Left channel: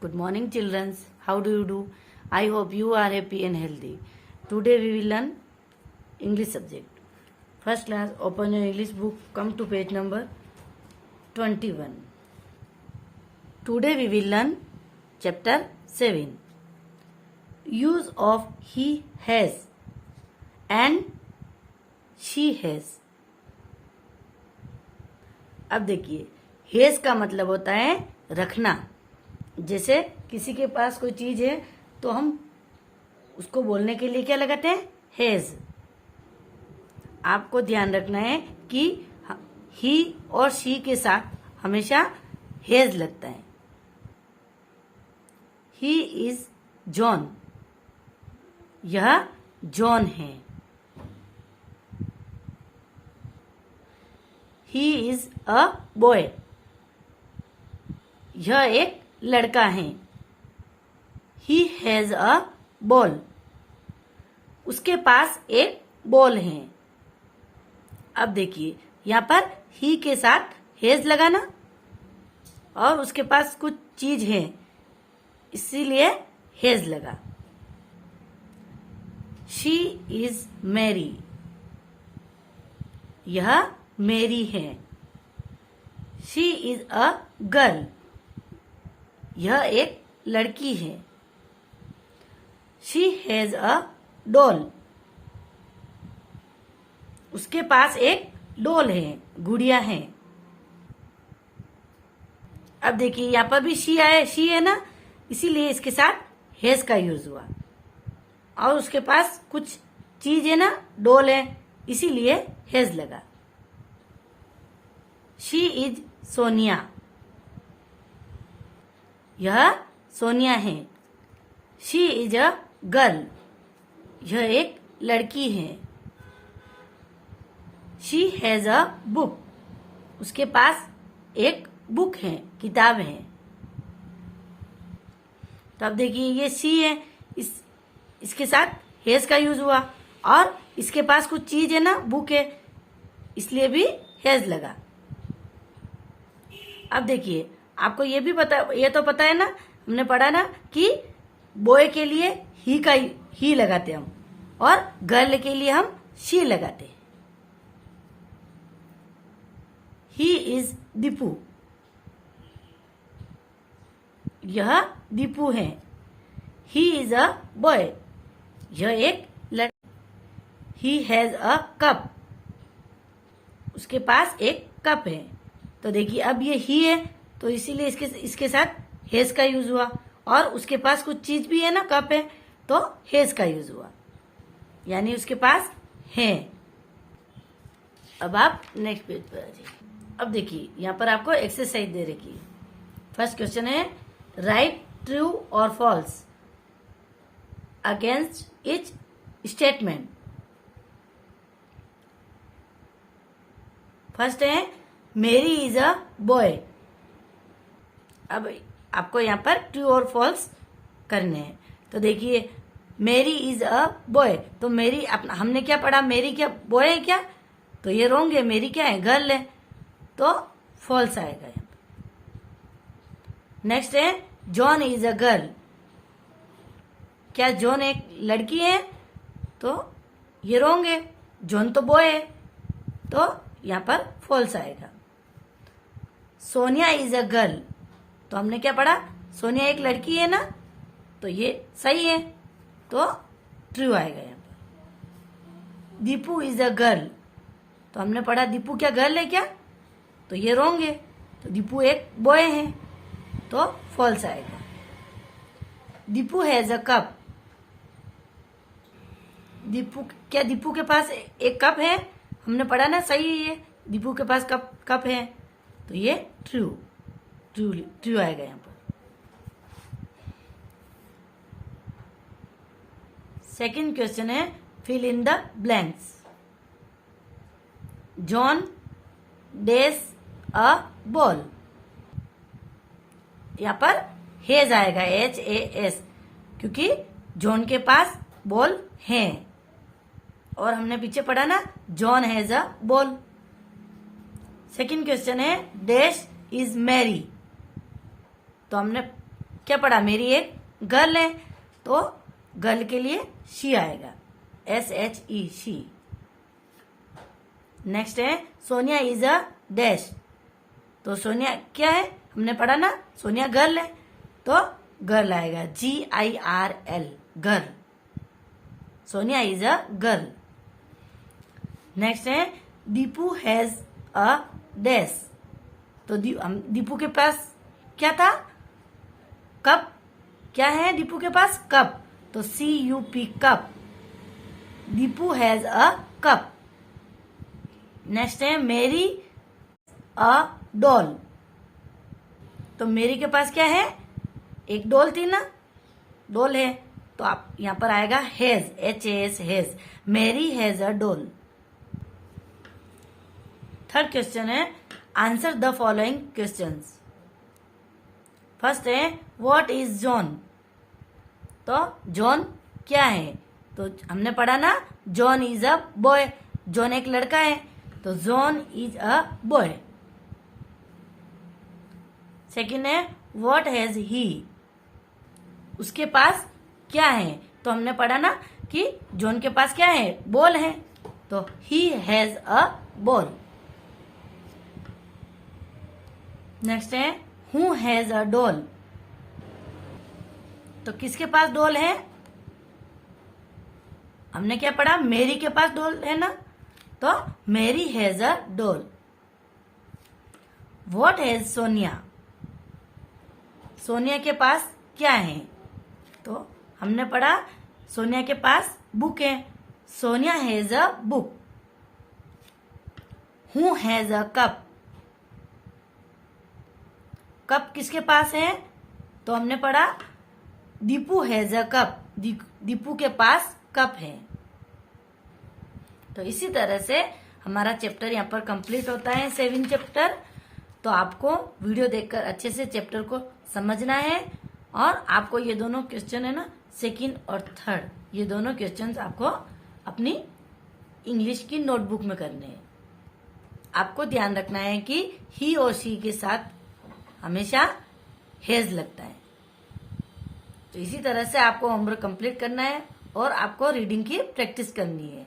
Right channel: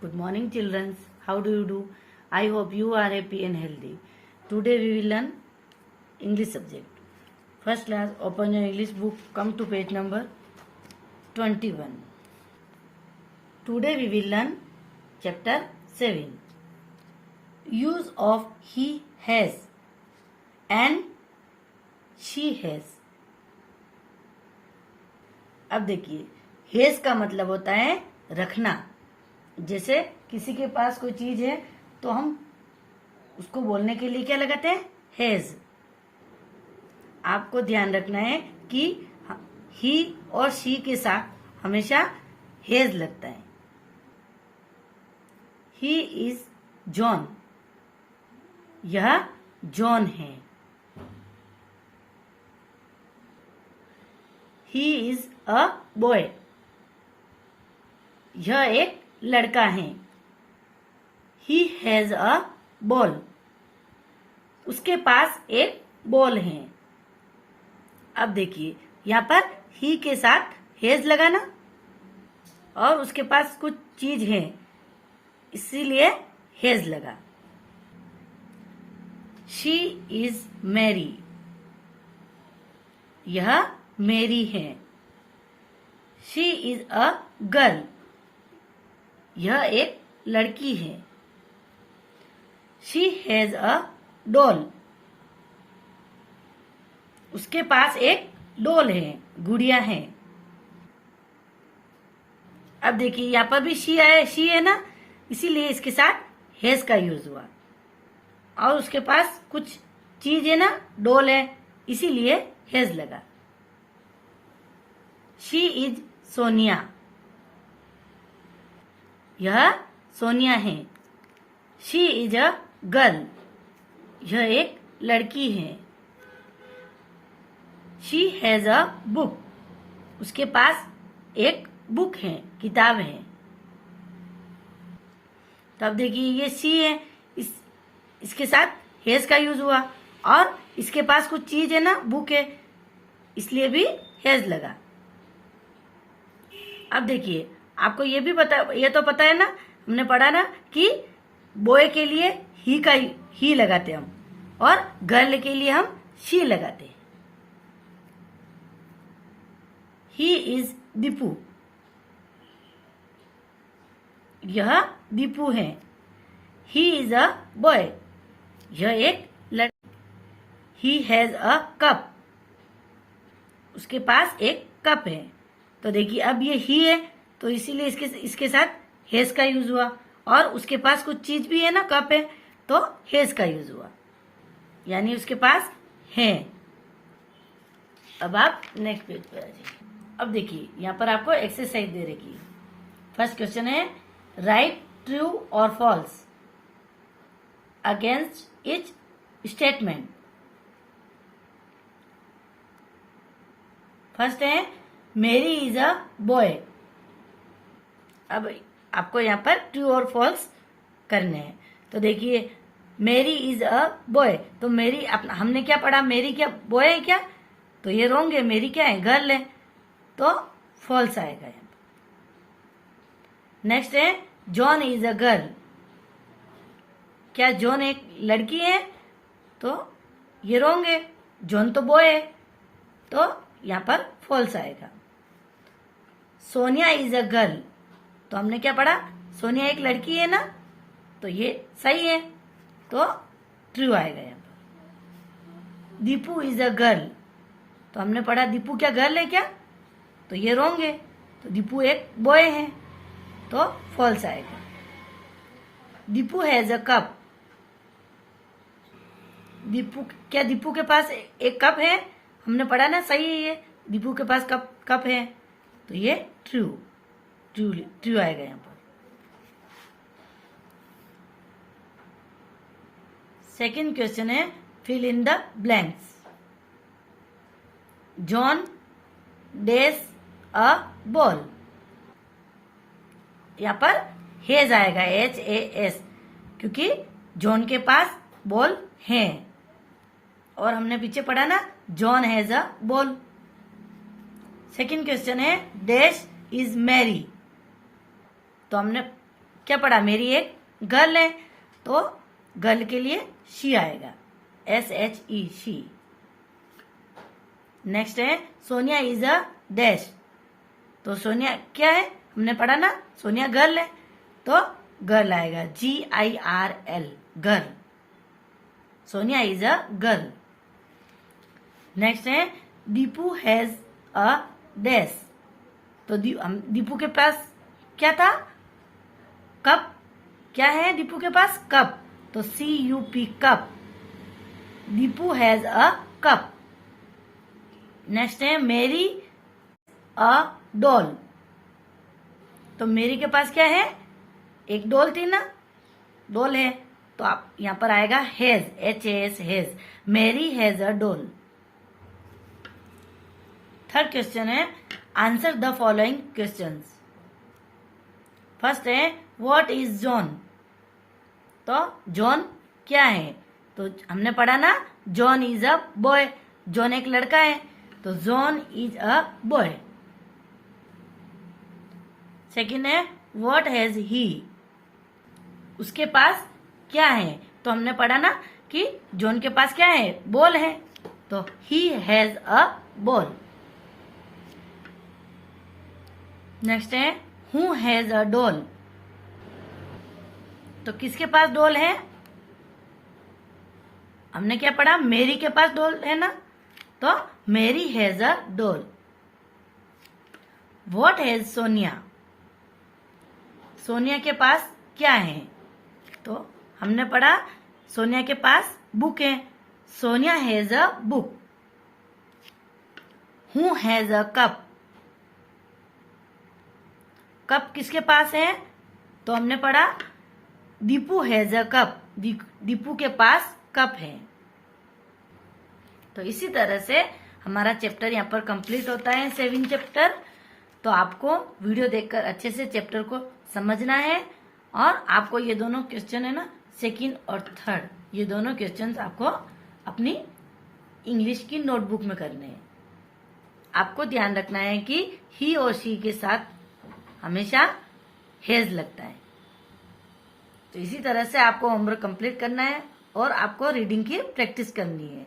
Good morning, children. How do you do? I hope you are happy and healthy. Today we will learn English subject. First class, open your English book. Come to page number 21. Today we will learn chapter 7. Use of he has and she has. अब देखिए, has का मतलब होता है रखना. जैसे किसी के पास कोई चीज है तो हम उसको बोलने के लिए क्या लगाते हैं? हैज. आपको ध्यान रखना है कि ही और शी के साथ हमेशा हैज लगता है. He is John. यह जॉन है. He is a boy. यह एक लड़का है. He has a ball. उसके पास एक बॉल है. अब देखिए, यहां पर ही के साथ हैज लगाना और उसके पास कुछ चीज है इसीलिए हैज लगा. She is Mary. यह मेरी है. She is a girl. यह एक लड़की है. She has a doll. उसके पास एक डॉल है, गुड़िया है. अब देखिए, यहां पर भी शी है ना, इसीलिए इसके साथ हैज का यूज हुआ. और उसके पास कुछ चीज है ना, डॉल है, इसीलिए हैज लगा. She is Sonia. यह सोनिया है. She is a girl. यह एक लड़की है. She has a book. उसके पास एक बुक है, किताब है. तो अब देखिए, ये शी है, इसके साथ हैज का यूज हुआ और इसके पास कुछ चीज है ना, बुक है, इसलिए भी हैज लगा. अब देखिए, आपको ये भी ये तो पता है ना, हमने पढ़ा ना कि बॉय के लिए ही लगाते हम और गर्ल के लिए हम शी लगाते. He is Deepu. यह दीपू है. He is a boy. यह एक लड़का. He has a cup. उसके पास एक कप है. तो देखिए, अब ये ही है तो इसीलिए इसके साथ हैज का यूज हुआ और उसके पास कुछ चीज भी है ना, कप है, तो हैज का यूज हुआ, यानी उसके पास है. अब आप नेक्स्ट पेज पर आ जाइए. अब देखिए, यहां पर आपको एक्सरसाइज दे रखी है. फर्स्ट क्वेश्चन है, राइट ट्रू और false against each statement. First है, मेरी इज अ बॉय. अब आपको यहाँ पर ट्रू और फॉल्स करने हैं. तो देखिए, मेरी इज अ बॉय, तो मेरी हमने क्या पढ़ा, मेरी क्या बॉय है क्या? तो ये रॉन्ग है. मेरी क्या है? गर्ल है, तो फॉल्स आएगा. नेक्स्ट है, जॉन इज अ गर्ल. क्या जॉन एक लड़की है? तो ये रॉन्ग है. जॉन तो बॉय है, तो यहाँ पर फॉल्स आएगा. Sonia is a girl. तो हमने क्या पढ़ा, सोनिया एक लड़की है ना, तो ये सही है, तो ट्रू आएगा यहाँ पर. Deepu is a girl. तो हमने पढ़ा दीपू क्या गर्ल है क्या? तो ये रॉन्ग है. तो दीपू एक बॉय है, तो फॉल्स आएगा. Deepu has a cup. Deepu के पास एक कप है? हमने पढ़ा ना, सही है ये, दीपू के पास कप है, तो ये ट्रू आएगा यहाँ पर. सेकंड क्वेश्चन है, fill in the blanks. John dash a ball. यहाँ पर हैज आएगा, HAS, क्योंकि जॉन के पास बॉल है. और हमने पीछे पढ़ा ना, John has a ball. Second question है, डैश इज मैरी. तो हमने क्या पढ़ा, मेरी एक गर्ल है, तो गर्ल के लिए शी आएगा, SHE, शी। नेक्स्ट है सोनिया इज अ डैश, तो सोनिया क्या है, हमने पढ़ा ना, सोनिया गर्ल है, तो गर्ल आएगा, GIRL, girl. Sonia is a girl. Next है दीपू हैज अ डैश, तो दीपू के पास क्या था, कप। क्या है दीपू के पास, कप, तो CUP, cup. Deepu has a cup. Next है मेरी अ डॉल, तो मेरी के पास क्या है, एक डॉल थी ना, डॉल है, तो आप यहां पर आएगा has, HAS, has. Mary has a doll. Third question है answer the following questions. First है व्हाट इज जॉन, तो जॉन क्या है, तो हमने पढ़ा ना, John is a boy, John एक लड़का है, तो John is a boy. Second है व्हाट हैज ही, उसके पास क्या है, तो हमने पढ़ा ना कि जॉन के पास क्या है, बॉल है, तो he has a ball. Next है हु हैज अ डॉल, तो किसके पास डॉल है, हमने क्या पढ़ा, मेरी के पास डॉल है ना, तो मेरी has a doll. What has Sonia, Sonia के पास क्या है, तो हमने पढ़ा सोनिया के पास बुक है, Sonia has a book. Who has a cup, cup किसके पास है, तो हमने पढ़ा Deepu has a cup, Deepu के पास कप है। तो इसी तरह से हमारा चैप्टर यहाँ पर कंप्लीट होता है, 7 चैप्टर। तो आपको वीडियो देखकर अच्छे से चैप्टर को समझना है, और आपको ये दोनों क्वेश्चन है ना, सेकंड और थर्ड, ये दोनों क्वेश्चन आपको अपनी इंग्लिश की नोटबुक में करने हैं। आपको ध्यान रखना है कि ही और शी के साथ हमेशा हैज लगता है। तो इसी तरह से आपको होमवर्क कंप्लीट करना है और आपको रीडिंग की प्रैक्टिस करनी है।